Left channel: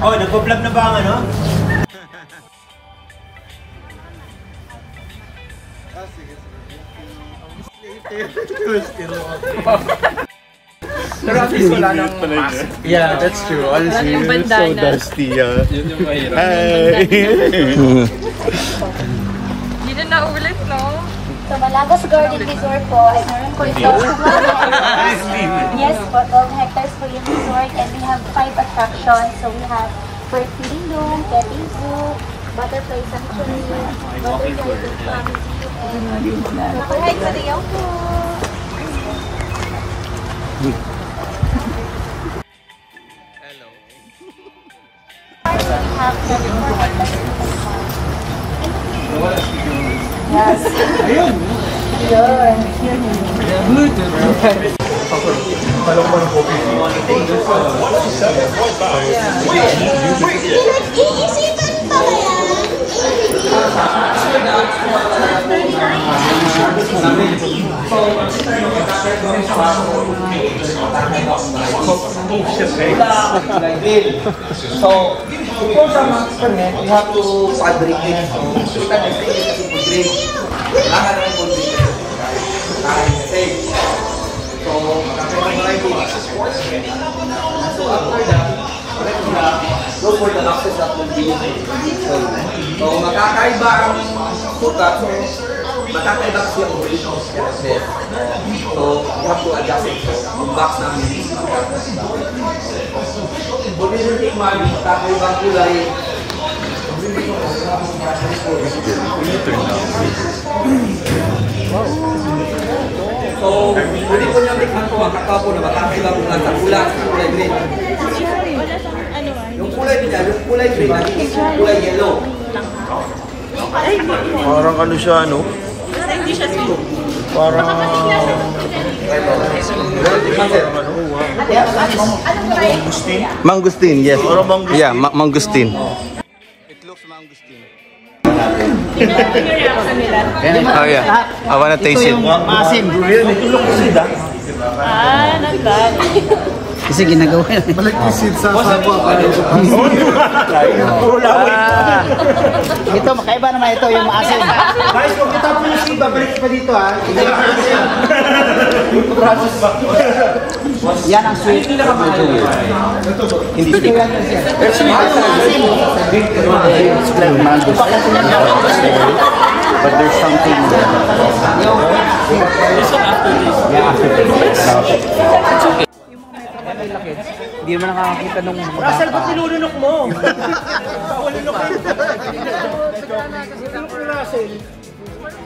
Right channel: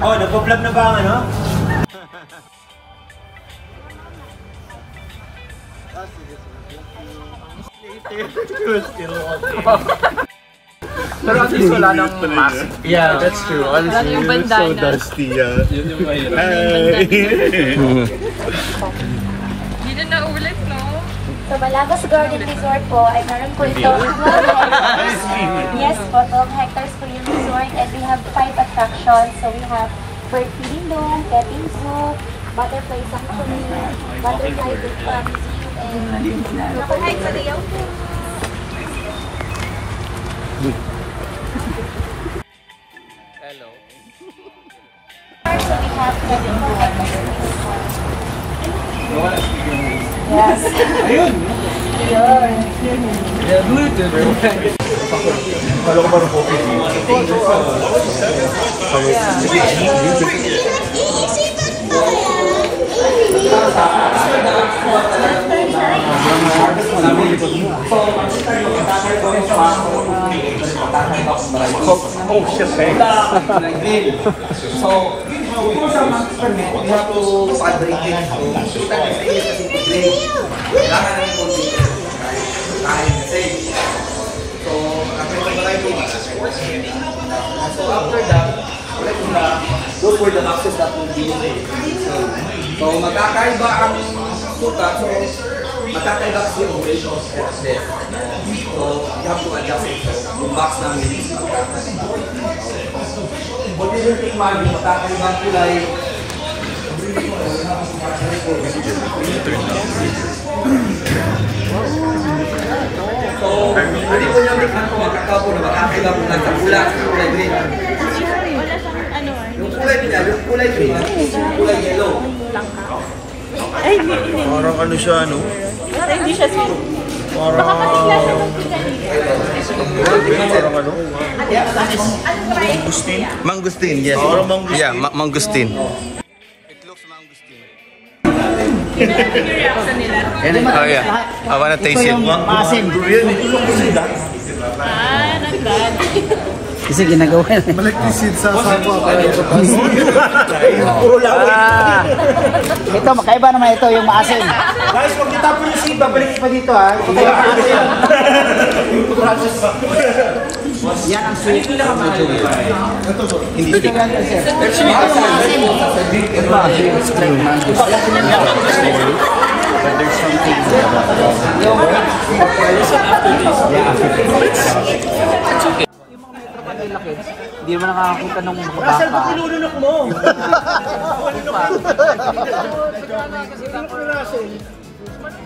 Oh, nagpo-vlog na ba ang ano? Pero at least wala nang mask. Yeah, that's true. Honestly, it's so dusty. Yun yung mahirap. Hi! Hindi na ulit, no? So, Malagas Garden Resort po ay meron po ito 12 hectares. Yes po, 12 hectares po yung resort and we have 5 attractions. So, we have bird feeding dome, petting zoo, butterfly sanctuary, butterfly and nakahide sa layout po. Hello. So, we have 24 hectares. Yes. Ayun. So, before sa mga experiment, we have to fabricate it. So, we can say it kasi degrade. Kailangan ng condition. Kailangan kasi. So, after that, look for the access that will be so magkakaiba ang sukat. So, magkakaiba kasi ang operation process. So, you have to adjust it. So, yung box namin is magkakaiba. So, this is the image, magkakaibang kulay. So, pwede po niyang tikman po ang kakao po na magkakaiba po ng kulay, kulay green. Yung kulay niya, yung kulay green, yung kulay yellow. Parang ano siya, ano? Parang... Mangustin, yes. Yeah, mangustin. It looks mangustin. Oh yeah, I wanna taste it. Maasim. Tulong ko sila. Kasi ginagawa na. Malagkisid sa sabwa para ito pa. Puro lang. Ito, makaiba naman ito yung maasim. Guys, kung kita po yung siba, balik pa dito ha. Yan ang sweet. Hindi ko lang sir. But there's something. Yeah, after this. It's okay. Hindi mo na nakakita nung... Russell, ba't nilulunok mo?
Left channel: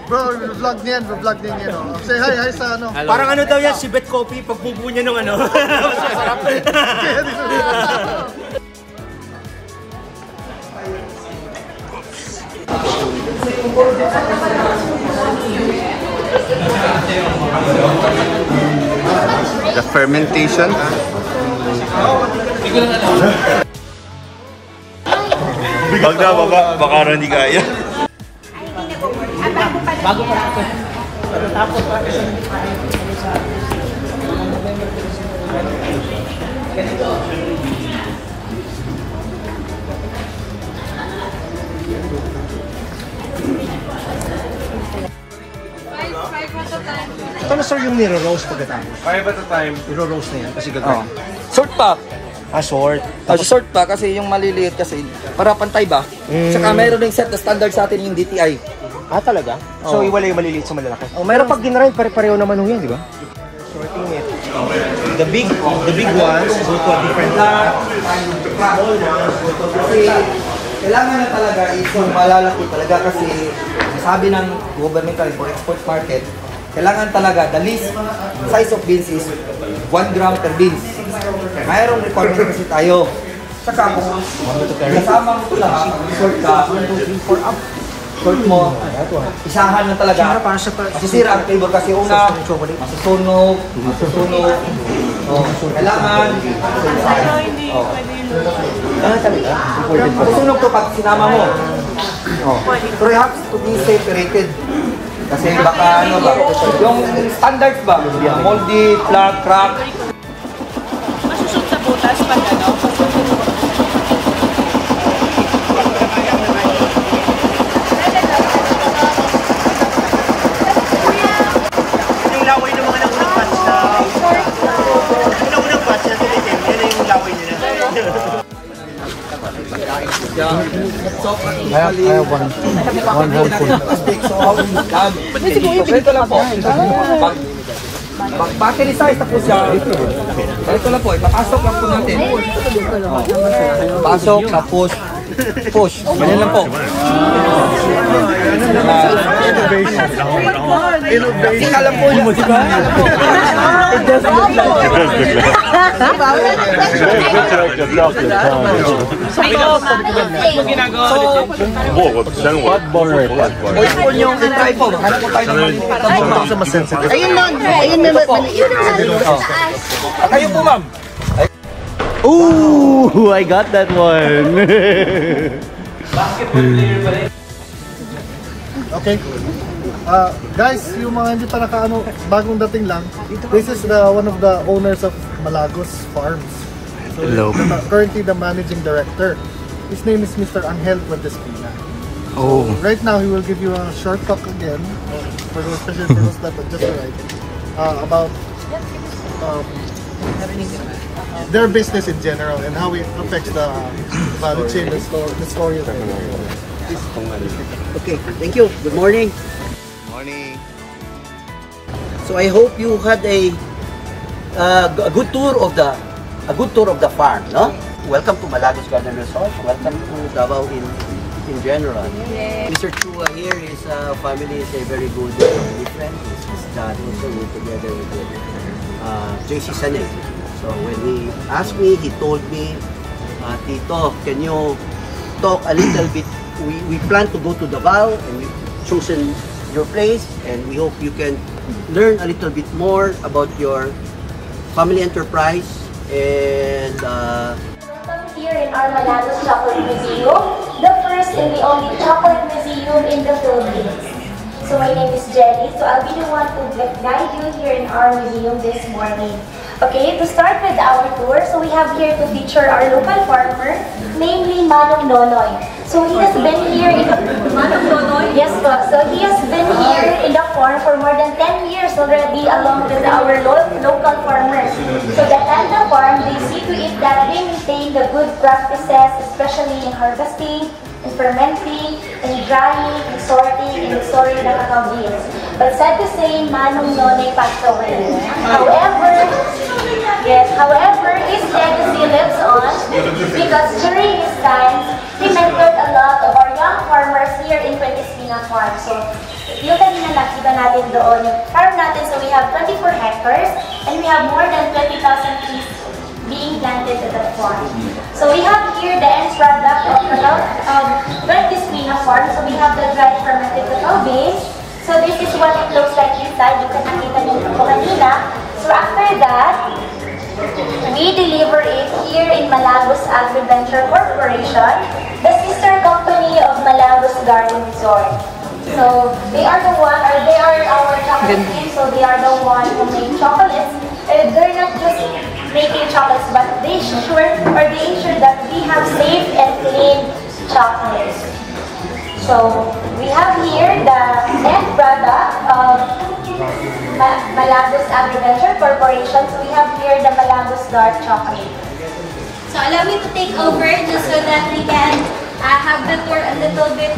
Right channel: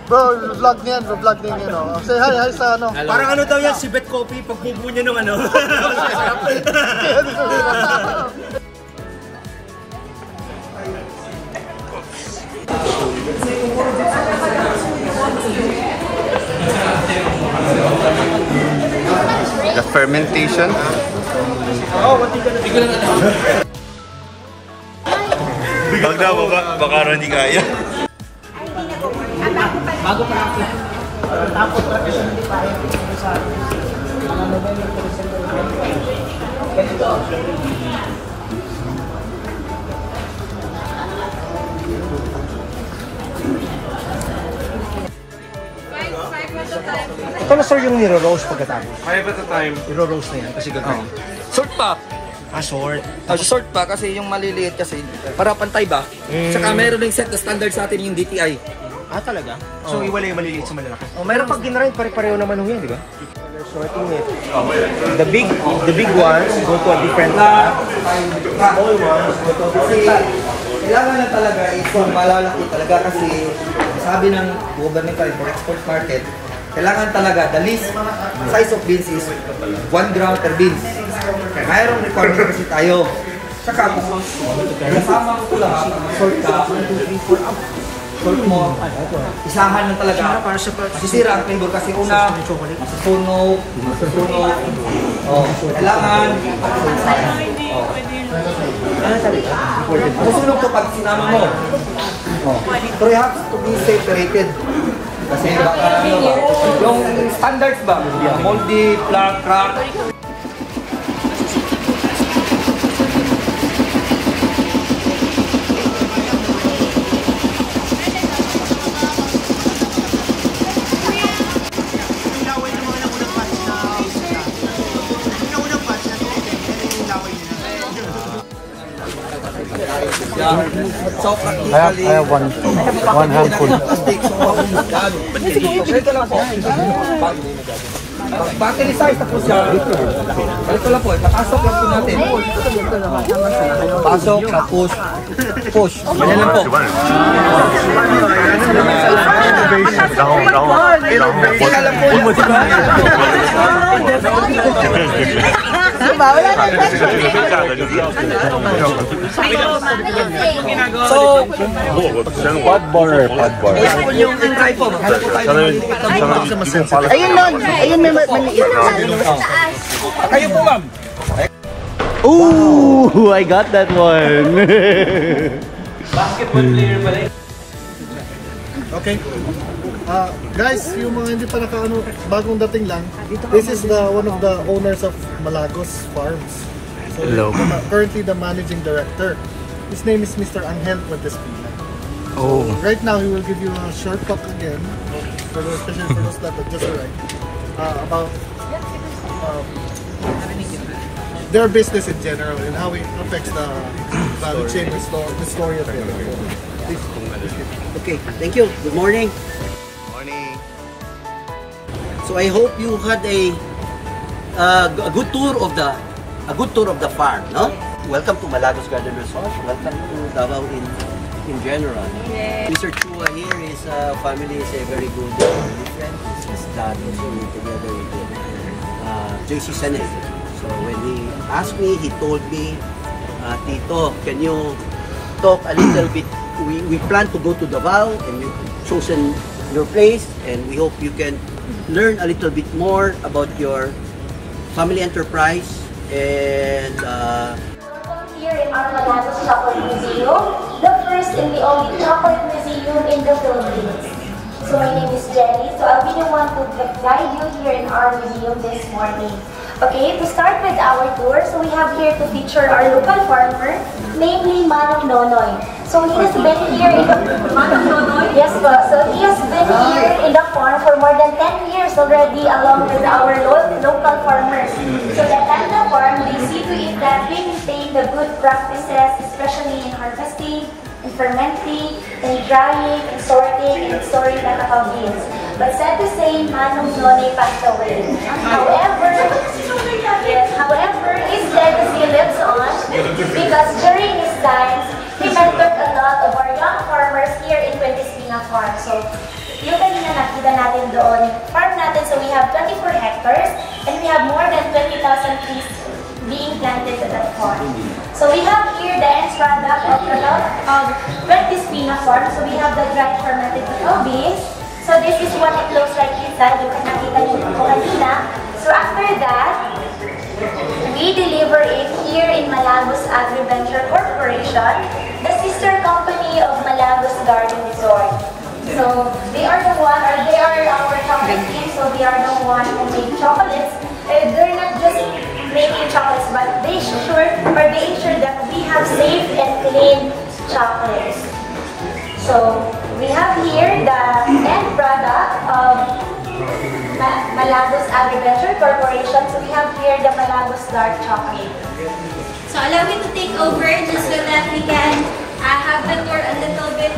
Bro, vlog niyan, vlog din yan. Say hi sa ano. Parang ano daw yan, si Bet Coffee, pagbubo niya ng ano. The fermentation. Baka rin di kaya. Bago pa natin. Ito na sir yung niro-roast pagkatapos. 5 at a time. Niro-roast na yan kasi gagawin. Short pa. Short. Short pa kasi yung maliliit kasi para pantay ba? Saka mayroon ding set na standard sa atin yung DTI. Talaga? So, iwala yung maliliit sa malalaki? Mayroon Pag ginarain, pare-pareho naman yan, di ba? The big ones go to a different kasi kailangan na talaga is kung malalaki talaga kasi sabi ng government for export market, kailangan talaga the least size of beans is 1 gram per beans. Mayroong requirement kasi tayo. Saka kung kasama mo ito lahat, short ka, 1, 2, 3, 4 up. Short mo, isahan na talaga. Masisira ang flavor kasi una, masusunog. Kailangan. Masusunog to pag sinama mo. Pero you have to be separated. Kasi baka ano ba, yung standards ba, moldy, flat, crack. Masusunod sa butas pag ano? So practically, ito lang po. Battery size na po siya. Ito lang po, ipapasok lang po natin. Pasok, tapos push. Ganyan lang po. Ika lang po yung musika. So, try po. Ano po tayo ng maliliit na box? Kayo po, ma'am. Ooh, I got that one. Basketball player pa rin. Okay. Guys, yung mga hindi pa nakaano, bagong dating lang, this is one of the owners of Malagos Farms. So, hello. Currently the managing director. His name is Mr. Angel Puentespina. Oh. Right now, he will give you a short talk again, for the special sales that are just right, about their business in general and how it affects the value chain, the story of it. Okay, thank you. Good morning. Morning. So I hope you had a good tour of the farm, no? Welcome to Malagos Garden Resort. Welcome to Davao in general. Mr. Chua here, his family is a very good friend. His dad also together with JC Senate. So when he asked me, he told me, Tito, can you talk a little bit? We plan to go to Davao and we've chosen your place, and we hope you can learn a little bit more about your family enterprise and here in our Malagos Chocolate Museum, the first and the only chocolate museum in the Philippines. So my name is Jenny, so I'll be the one to guide you here in our museum this morning. Okay, to start with our tour, so we have here to feature our local farmer, namely Manong Nonoy. So he has been here in the yes, so he has been here in the farm for more than 10 years already, along with our local farmers. So the Tanda farm, they see to it that they maintain the good practices, especially in harvesting, in fermenting, in drying, in sorting, and storing the cacao beans. But sad to say, Manong Nonoy passed away. However, his legacy lives on because during his time, he mentored a lot of our young farmers here in Puentespina Farm. So, yung kanina nakita natin doon, farm natin, so we have 24 hectares and we have more than 20,000 trees being planted at that farm. So we have here the end product of Puentespina Farm. So we have the dried fermented cacao beans. So this is what it looks like inside. You can nakita niyo po kanina. So after that, we deliver it here in Malagos Agriventure Corporation, the sister company of Malagos Garden Resort. So they are the one, or they are our chocolate team, so they are the one who make chocolates. They're not just making chocolates, but they ensure that we have safe and clean chocolates. So we have here the end product of Malagos Agriventure Corporation. So we have here the Malagos Dark Chocolate. So allow me to take over just so that we can have the tour a little bit.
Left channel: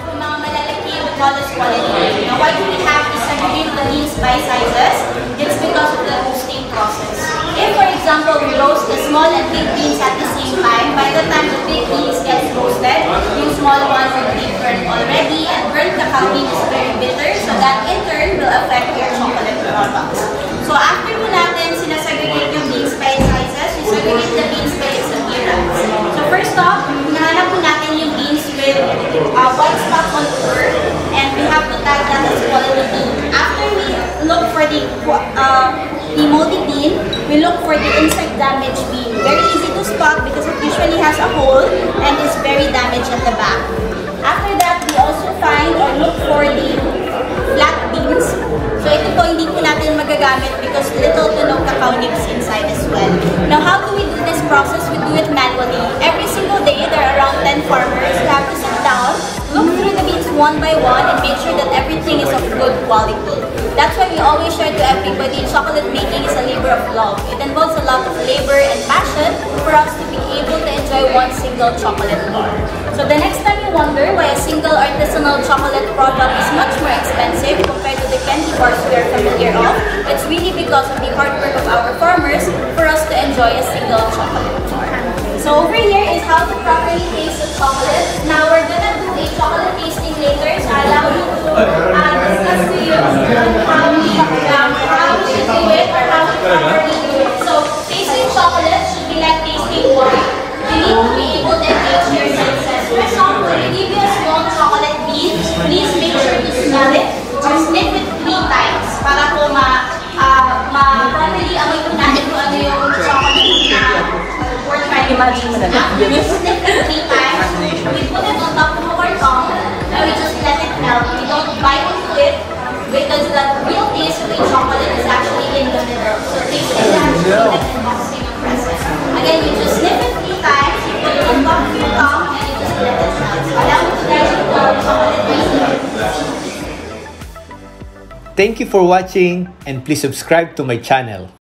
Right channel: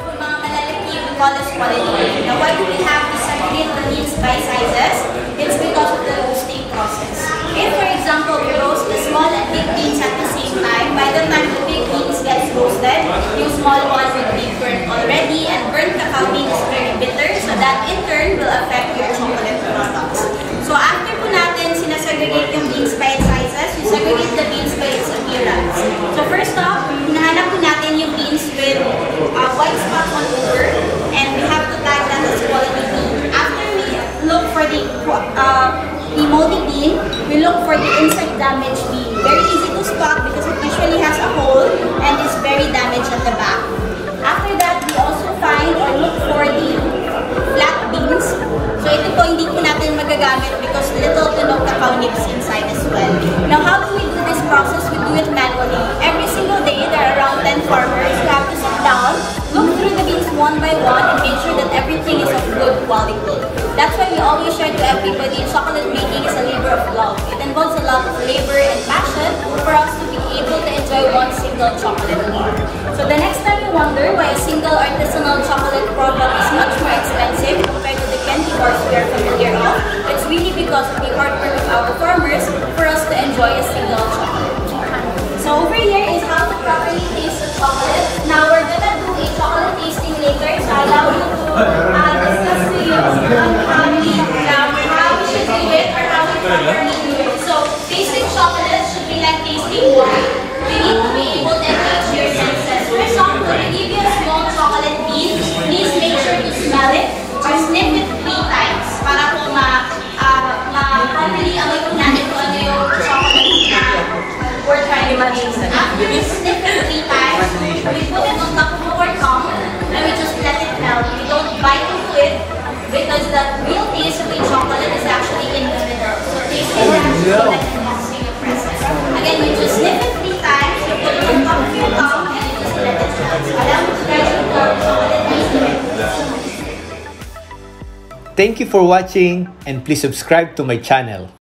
Kung mga malalaki, we call this quality. Now why do we have to segregate the beans by sizes? It's because of the roasting process. If for example we roast the small and big beans at the same time, by the time the big beans gets roasted, yung small one will be burnt already, and burnt cacao bean is very bitter, so that in turn will affect your chocolate products. So after po natin sinasegregate yung beans by sizes, we segregate the beans by its appearance. So first off, hinahanap po natin yung beans with white spot all over, and we have to tag that as quality bean. After we look for the moldy bean, we look for the insect damaged bean. Very easy to spot because it usually has a hole and is very damaged at the back. After that, we also find or look for the flat beans. So ito po hindi po natin magagamit because little to no cacao nibs inside as well. Now how do we do this process? We do it manually. Every single day, there are around 10 farmers who have to sit down, look through the beans one by one, and make sure that everything is of good quality. That's why we always share to everybody, chocolate making is a labor of love. It involves a lot of labor and passion for us to be enjoy one single chocolate bar. So the next time you wonder why a single artisanal chocolate product is much more expensive compared to the candy bars we are familiar of, it's really because of the hard work of our farmers for us to enjoy a single chocolate bar. So over here is how to properly taste the chocolate. Now we're gonna do a chocolate tasting later, so I allow you to discuss to you on how we should do it or how we properly do it. So tasting chocolate should be like tasting wine. You need to be able to engage your senses. For example, if you give you a small chocolate bean, please make sure to smell it or sniff it 3 times para po properly amoy natin kung ano yung chocolate na we're trying to taste. After we sniff it 3 times, we put it on top of our tongue and we just let it melt. We don't bite into it because the real taste of the chocolate is actually in the middle. So tasting that chocolate and boxing the process. Again, you just sniff it 3 times, you put it on top of your tongue and you just let it melt. So allow me to guide you to chocolate tasting. Thank you for watching and please subscribe to my channel.